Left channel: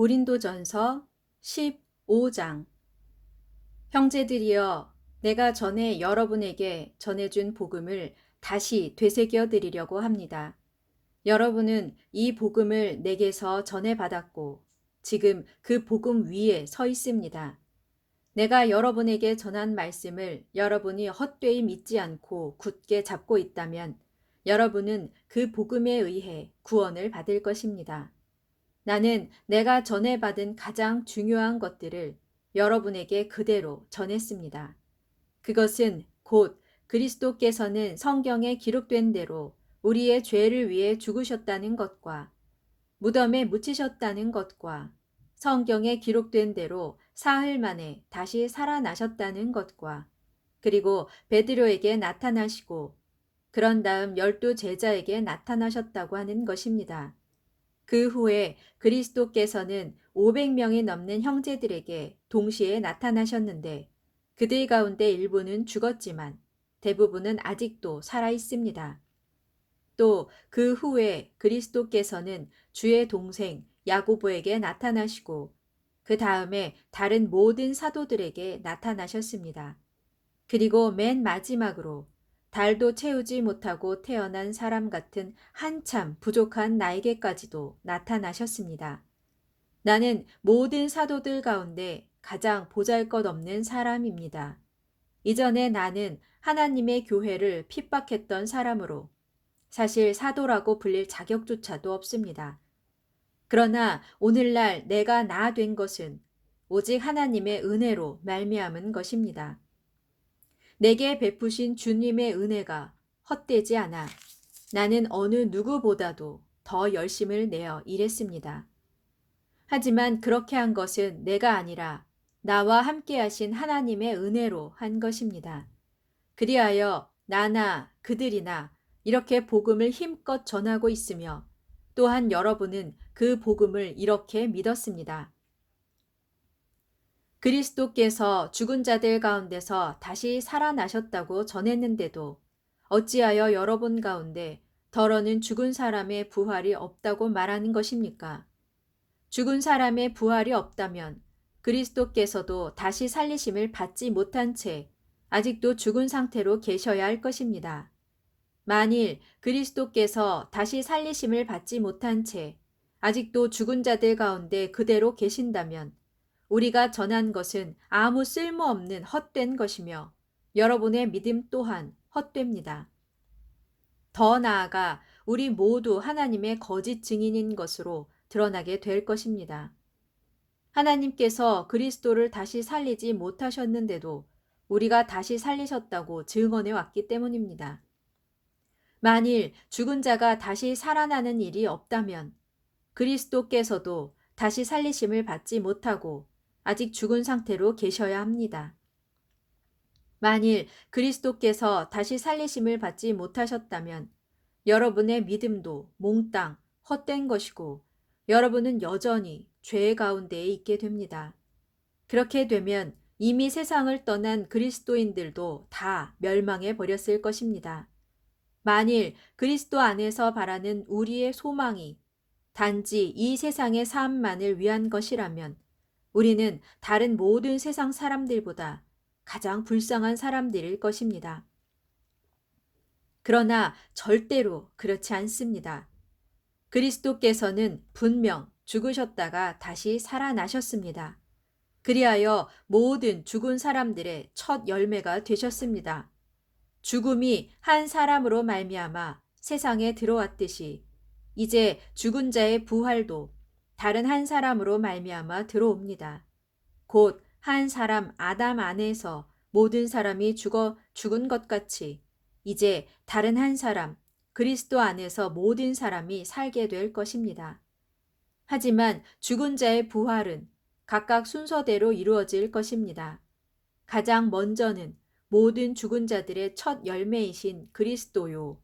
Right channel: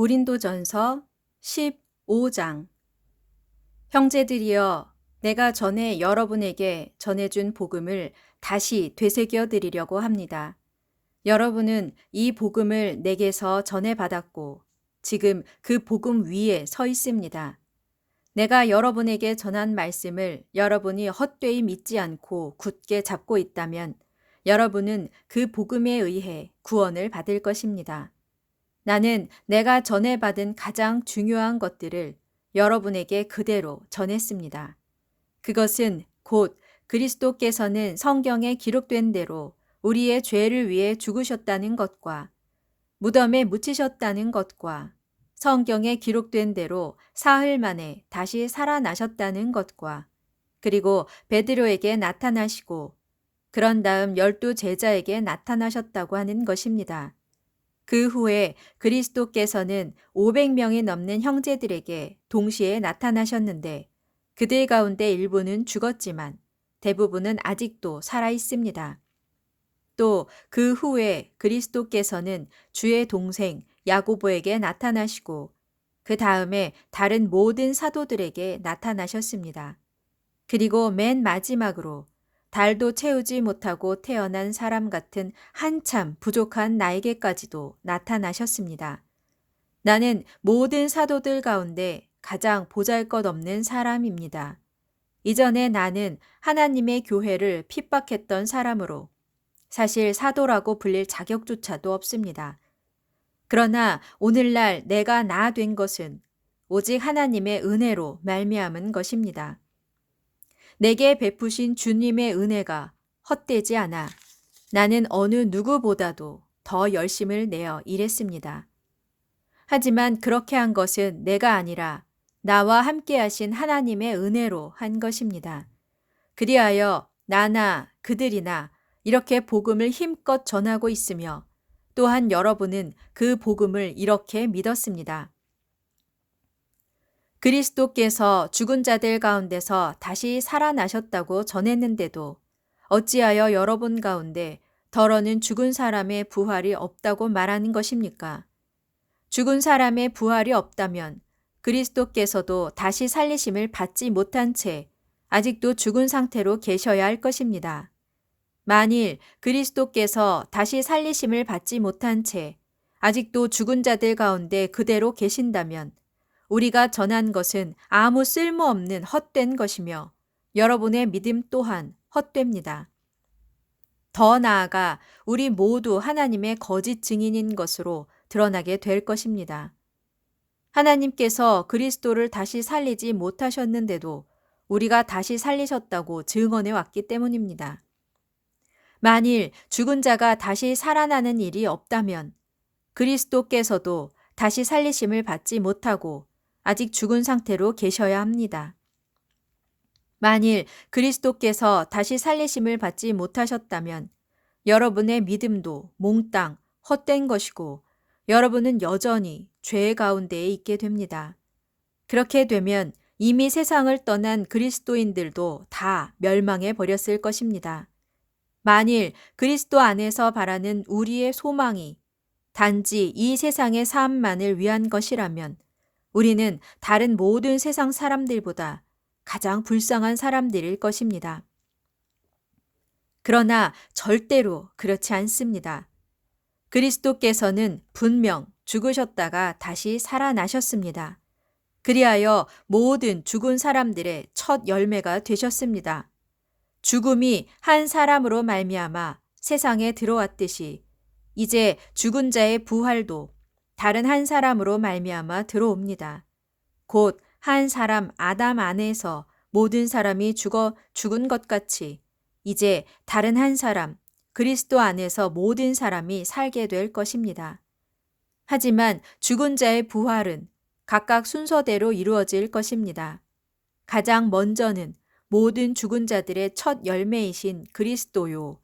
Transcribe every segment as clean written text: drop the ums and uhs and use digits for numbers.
고린도전서 15장. 형제들이여, 내가 전에 여러분에게 전해준 복음을 다시 되새겨 드리려고 합니다. 여러분은 이 복음을 내게서 전해받았고 지금 그 복음 위에 서 있습니다. 내가 여러분에게 전한 말씀을 여러분이 헛되이 믿지 않고 굳게 잡고 있다면 여러분은 그 복음에 의해 구원을 받을 것입니다. 나는 내가 전해받은 가장 중요한 것들을 여러분에게 그대로 전했습니다. 그것은 곧 그리스도께서는 성경에 기록된 대로 우리의 죄를 위해 죽으셨다는 것과 무덤에 묻히셨다는 것과 성경에 기록된 대로 사흘 만에 다시 살아나셨다는 것과 그리고 베드로에게 나타나시고 그런 다음 12 제자에게 나타나셨다고 하는 것입니다. 그 후에 그리스도께서는 500명이 넘는 형제들에게 동시에 나타나셨는데 그들 가운데 일부는 죽었지만 대부분은 아직도 살아 있습니다. 또 그 후에 그리스도께서는 주의 동생 야고보에게 나타나시고 그 다음에 다른 모든 사도들에게 나타나셨습니다. 그리고 맨 마지막으로 달도 채우지 못하고 태어난 사람 같은 한참 부족한 나에게까지도 나타나셨습니다. 나는 모든 사도들 가운데 가장 보잘것없는 사람입니다. 이전에 나는 하나님의 교회를 핍박했던 사람으로 사실 사도라고 불릴 자격조차도 없습니다. 그러나 오늘날 내가 나 된 것은 오직 하나님의 은혜로 말미암은 것입니다. 내게 베푸신 주님의 은혜가 헛되지 않아 나는 어느 누구보다도 더 열심을 내어 일했습니다. 하지만 그렇게 한 것은 내가 아니라 나와 함께 하신 하나님의 은혜로 한 것입니다. 그리하여 나나 그들이나 이렇게 복음을 힘껏 전하고 있으며 또한 여러분은 그 복음을 이렇게 믿었습니다. 그리스도께서 죽은 자들 가운데서 다시 살아나셨다고 전했는데도 어찌하여 여러분 가운데 더러는 죽은 사람의 부활이 없다고 말하는 것입니까? 죽은 사람의 부활이 없다면 그리스도께서도 다시 살리심을 받지 못한 채 아직도 죽은 상태로 계셔야 할 것입니다. 만일 그리스도께서 다시 살리심을 받지 못한 채 아직도 죽은 자들 가운데 그대로 계신다면 우리가 전한 것은 아무 쓸모없는 헛된 것이며 여러분의 믿음 또한 헛됩니다. 더 나아가 우리 모두 하나님의 거짓 증인인 것으로 드러나게 될 것입니다. 하나님께서 그리스도를 다시 살리지 못하셨는데도 우리가 다시 살리셨다고 증언해 왔기 때문입니다. 만일 죽은 자가 다시 살아나는 일이 없다면 그리스도께서도 다시 살리심을 받지 못하고 아직 죽은 상태로 계셔야 합니다. 만일 그리스도께서 다시 살리심을 받지 못하셨다면 여러분의 믿음도 몽땅 헛된 것이고 여러분은 여전히 죄 가운데에 있게 됩니다. 그렇게 되면 이미 세상을 떠난 그리스도인들도 다 멸망해 버렸을 것입니다. 만일 그리스도 안에서 바라는 우리의 소망이 단지 이 세상의 삶만을 위한 것이라면 우리는 다른 모든 세상 사람들보다 가장 불쌍한 사람들일 것입니다. 그러나 절대로 그렇지 않습니다. 그리스도께서는 분명 죽으셨다가 다시 살아나셨습니다. 그리하여 모든 죽은 사람들의 첫 열매가 되셨습니다. 죽음이 한 사람으로 말미암아 세상에 들어왔듯이 이제 죽은 자의 부활도 다른 한 사람으로 말미암아 들어옵니다. 곧 한 사람 아담 안에서 모든 사람이 죽은 것 같이 이제 다른 한 사람 그리스도 안에서 모든 사람이 살게 될 것입니다. 하지만 죽은 자의 부활은 각각 순서대로 이루어질 것입니다. 가장 먼저는 모든 죽은 자들의 첫 열매이신 그리스도요.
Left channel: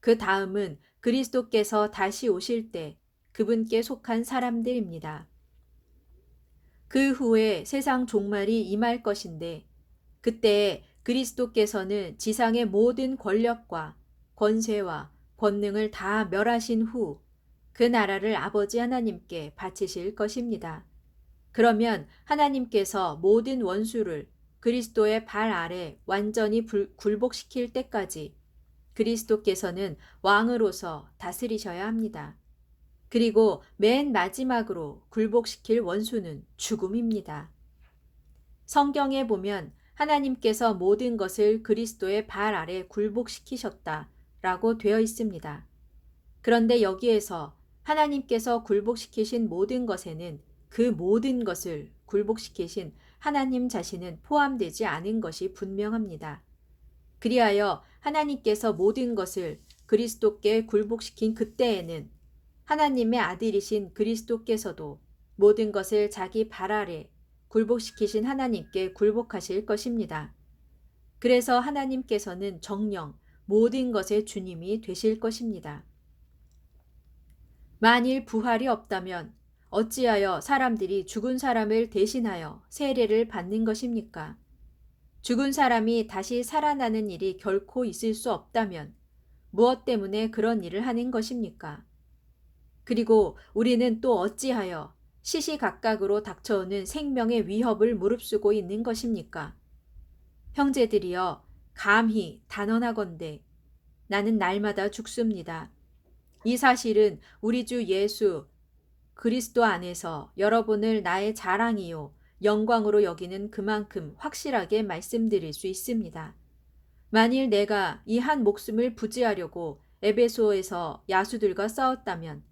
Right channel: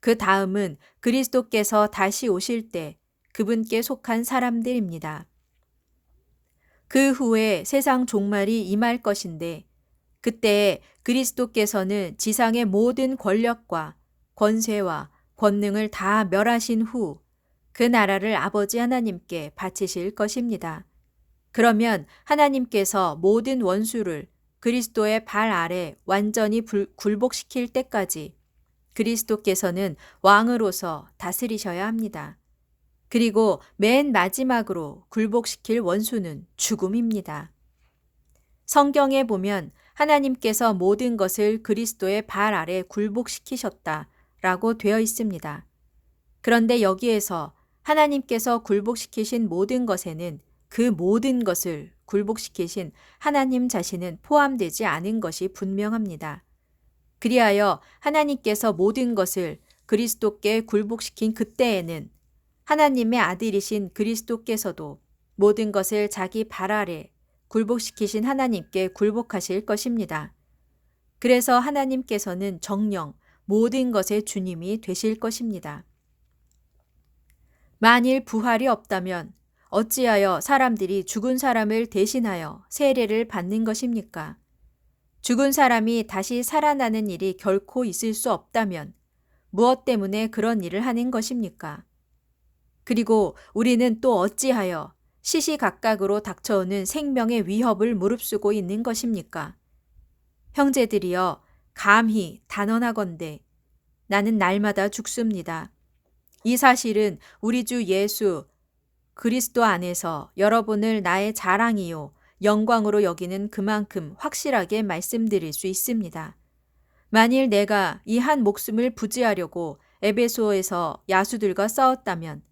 그 다음은 그리스도께서 다시 오실 때 그분께 속한 사람들입니다. 그 후에 세상 종말이 임할 것인데 그때 그리스도께서는 지상의 모든 권력과 권세와 권능을 다 멸하신 후 그 나라를 아버지 하나님께 바치실 것입니다. 그러면 하나님께서 모든 원수를 그리스도의 발 아래 완전히 굴복시킬 때까지 그리스도께서는 왕으로서 다스리셔야 합니다. 그리고 맨 마지막으로 굴복시킬 원수는 죽음입니다. 성경에 보면 하나님께서 모든 것을 그리스도의 발 아래 굴복시키셨다라고 되어 있습니다. 그런데 여기에서 하나님께서 굴복시키신 모든 것에는 그 모든 것을 굴복시키신 하나님 자신은 포함되지 않은 것이 분명합니다. 그리하여 하나님께서 모든 것을 그리스도께 굴복시킨 그때에는 하나님의 아들이신 그리스도께서도 모든 것을 자기 발 아래 굴복시키신 하나님께 굴복하실 것입니다. 그래서 하나님께서는 정녕 모든 것의 주님이 되실 것입니다. 만일 부활이 없다면 어찌하여 사람들이 죽은 사람을 대신하여 세례를 받는 것입니까? 죽은 사람이 다시 살아나는 일이 결코 있을 수 없다면 무엇 때문에 그런 일을 하는 것입니까? 그리고 우리는 또 어찌하여 시시각각으로 닥쳐오는 생명의 위협을 무릅쓰고 있는 것입니까? 형제들이여, 감히 단언하건대 나는 날마다 죽습니다. 이 사실은 우리 주 예수 그리스도 안에서 여러분을 나의 자랑이요 영광으로 여기는 그만큼 확실하게 말씀드릴 수 있습니다. 만일 내가 이 한 목숨을 부지하려고 에베소에서 야수들과 싸웠다면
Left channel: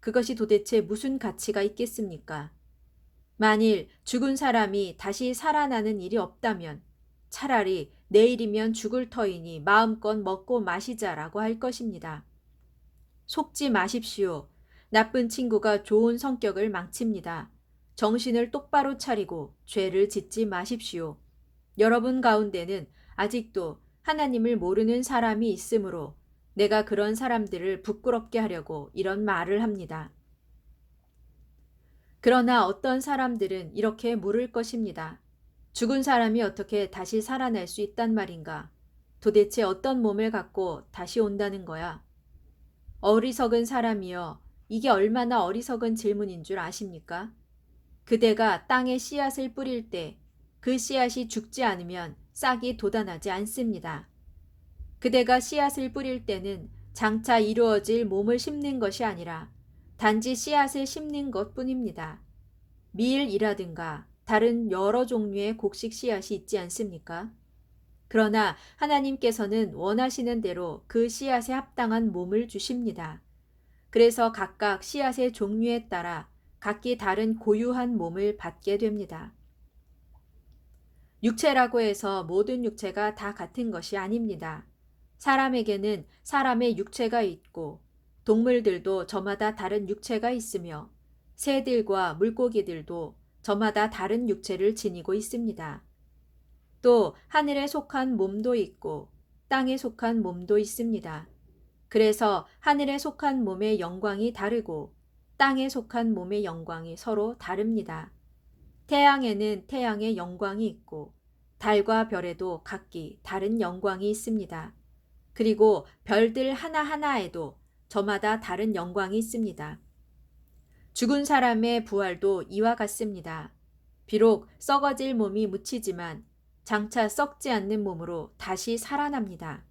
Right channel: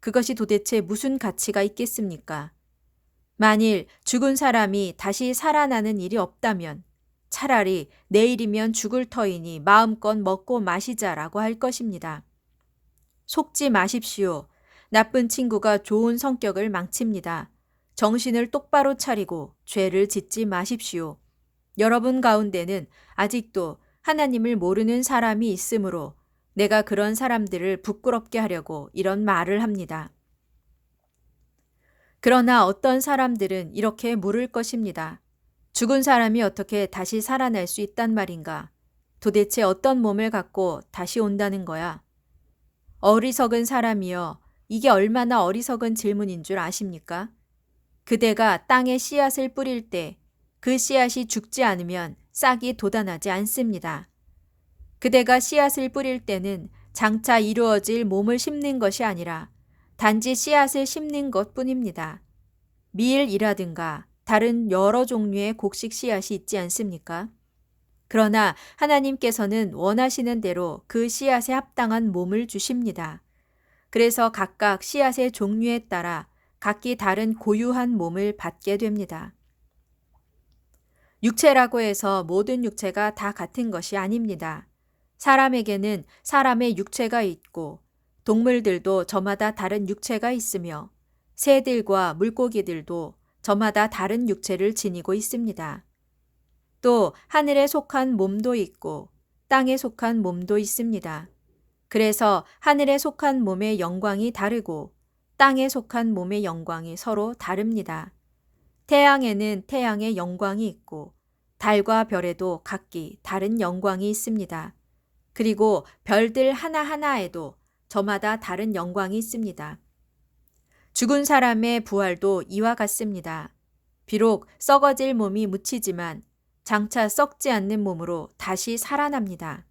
그것이 도대체 무슨 가치가 있겠습니까? 만일 죽은 사람이 다시 살아나는 일이 없다면 차라리 내일이면 죽을 터이니 마음껏 먹고 마시자라고 할 것입니다. 속지 마십시오. 나쁜 친구가 좋은 성격을 망칩니다. 정신을 똑바로 차리고 죄를 짓지 마십시오. 여러분 가운데는 아직도 하나님을 모르는 사람이 있으므로 내가 그런 사람들을 부끄럽게 하려고 이런 말을 합니다. 그러나 어떤 사람들은 이렇게 물을 것입니다. 죽은 사람이 어떻게 다시 살아날 수 있단 말인가? 도대체 어떤 몸을 갖고 다시 온다는 거야? 어리석은 사람이여, 이게 얼마나 어리석은 질문인 줄 아십니까? 그대가 땅에 씨앗을 뿌릴 때 그 씨앗이 죽지 않으면 싹이 돋아나지 않습니다. 그대가 씨앗을 뿌릴 때는 장차 이루어질 몸을 심는 것이 아니라 단지 씨앗을 심는 것뿐입니다. 밀이라든가 다른 여러 종류의 곡식 씨앗이 있지 않습니까? 그러나 하나님께서는 원하시는 대로 그 씨앗에 합당한 몸을 주십니다. 그래서 각각 씨앗의 종류에 따라 각기 다른 고유한 몸을 받게 됩니다. 육체라고 해서 모든 육체가 다 같은 것이 아닙니다. 사람에게는 사람의 육체가 있고 동물들도 저마다 다른 육체가 있으며 새들과 물고기들도 저마다 다른 육체를 지니고 있습니다. 또 하늘에 속한 몸도 있고 땅에 속한 몸도 있습니다. 그래서 하늘에 속한 몸의 영광이 다르고 땅에 속한 몸의 영광이 서로 다릅니다. 태양에는 태양의 영광이 있고 달과 별에도 각기 다른 영광이 있습니다. 그리고 별들 하나하나에도 저마다 다른 영광이 있습니다. 죽은 사람의 부활도 이와 같습니다. 비록 썩어질 몸이 묻히지만 장차 썩지 않는 몸으로 다시 살아납니다.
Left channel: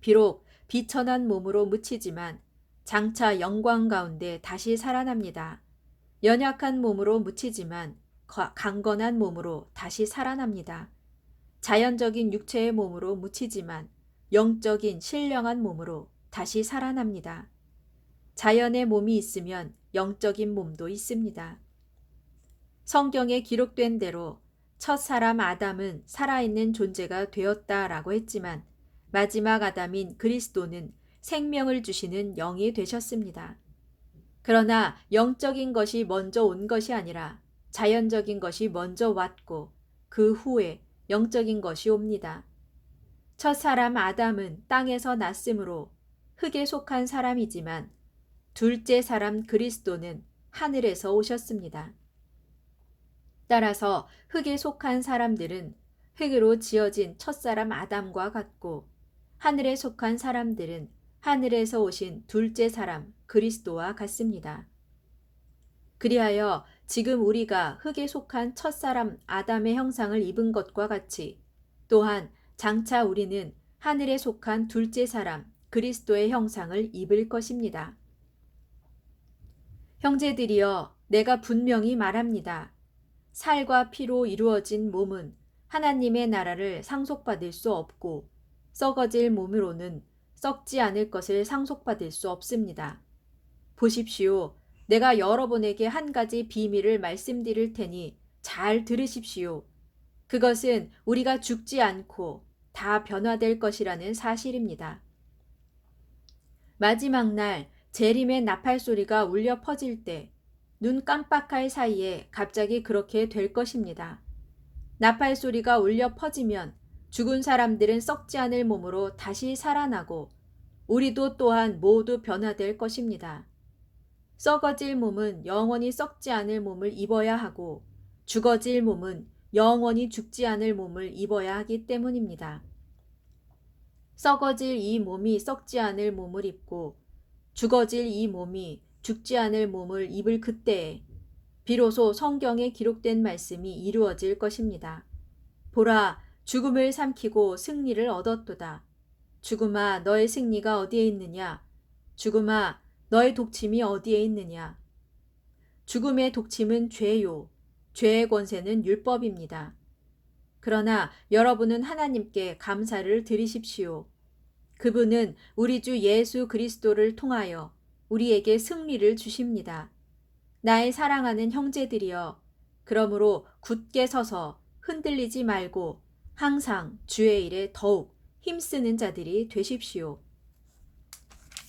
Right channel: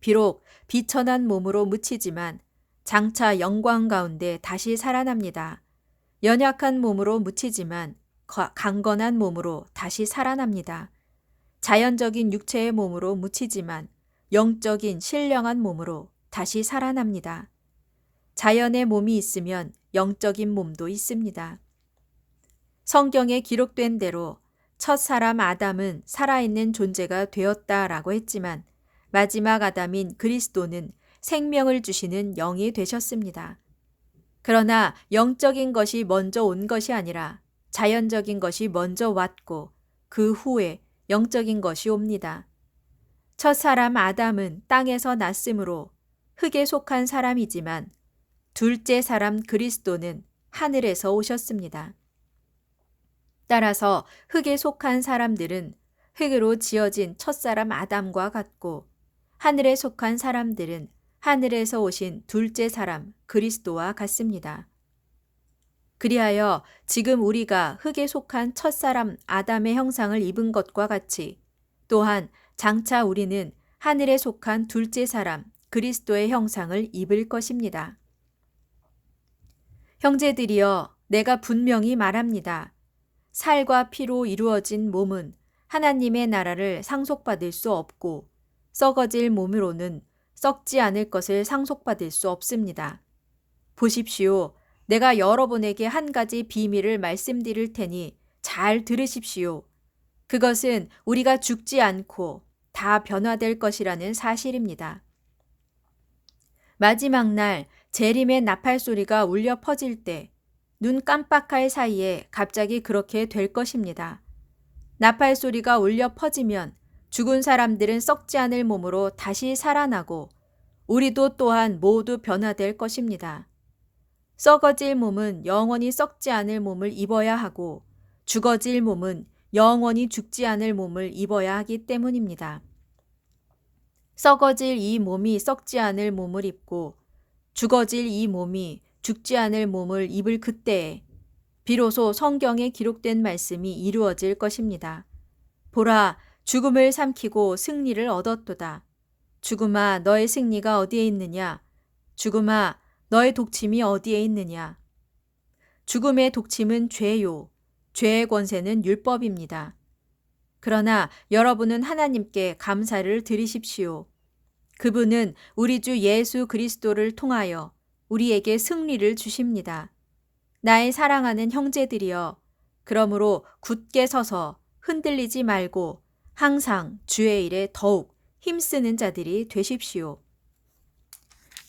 비록 비천한 몸으로 묻히지만 장차 영광 가운데 다시 살아납니다. 연약한 몸으로 묻히지만 강건한 몸으로 다시 살아납니다. 자연적인 육체의 몸으로 묻히지만 영적인 신령한 몸으로 다시 살아납니다. 자연의 몸이 있으면 영적인 몸도 있습니다. 성경에 기록된 대로 첫 사람 아담은 살아있는 존재가 되었다라고 했지만 마지막 아담인 그리스도는 생명을 주시는 영이 되셨습니다. 그러나 영적인 것이 먼저 온 것이 아니라 자연적인 것이 먼저 왔고 그 후에 영적인 것이 옵니다. 첫 사람 아담은 땅에서 났으므로 흙에 속한 사람이지만 둘째 사람 그리스도는 하늘에서 오셨습니다. 따라서 흙에 속한 사람들은 흙으로 지어진 첫사람 아담과 같고 하늘에 속한 사람들은 하늘에서 오신 둘째 사람 그리스도와 같습니다. 그리하여 지금 우리가 흙에 속한 첫사람 아담의 형상을 입은 것과 같이 또한 장차 우리는 하늘에 속한 둘째 사람 그리스도의 형상을 입을 것입니다. 형제들이여, 내가 분명히 말합니다. 살과 피로 이루어진 몸은 하나님의 나라를 상속받을 수 없고 썩어질 몸으로는 썩지 않을 것을 상속받을 수 없습니다. 보십시오. 내가 여러분에게 한 가지 비밀을 말씀드릴 테니 잘 들으십시오. 그것은 우리가 죽지 않고 다 변화될 것이라는 사실입니다. 마지막 날 재림의 나팔 소리가 울려 퍼질 때 눈 깜빡할 사이에 갑자기 그렇게 될 것입니다. 나팔 소리가 울려 퍼지면 죽은 사람들은 썩지 않을 몸으로 다시 살아나고 우리도 또한 모두 변화될 것입니다. 썩어질 몸은 영원히 썩지 않을 몸을 입어야 하고 죽어질 몸은 영원히 죽지 않을 몸을 입어야 하기 때문입니다. 썩어질 이 몸이 썩지 않을 몸을 입고 죽어질 이 몸이 죽지 않을 몸을 입을 그때에 비로소 성경에 기록된 말씀이 이루어질 것입니다. 보라, 죽음을 삼키고 승리를 얻었도다. 죽음아, 너의 승리가 어디에 있느냐? 죽음아, 너의 독침이 어디에 있느냐? 죽음의 독침은 죄요. 죄의 권세는 율법입니다. 그러나 여러분은 하나님께 감사를 드리십시오. 그분은 우리 주 예수 그리스도를 통하여 우리에게 승리를 주십니다. 나의 사랑하는 형제들이여, 그러므로 굳게 서서 흔들리지 말고 항상 주의 일에 더욱 힘쓰는 자들이 되십시오.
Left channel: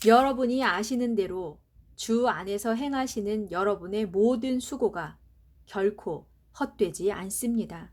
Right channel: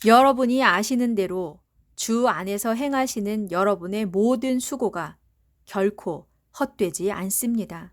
여러분이 아시는 대로 주 안에서 행하시는 여러분의 모든 수고가 결코 헛되지 않습니다.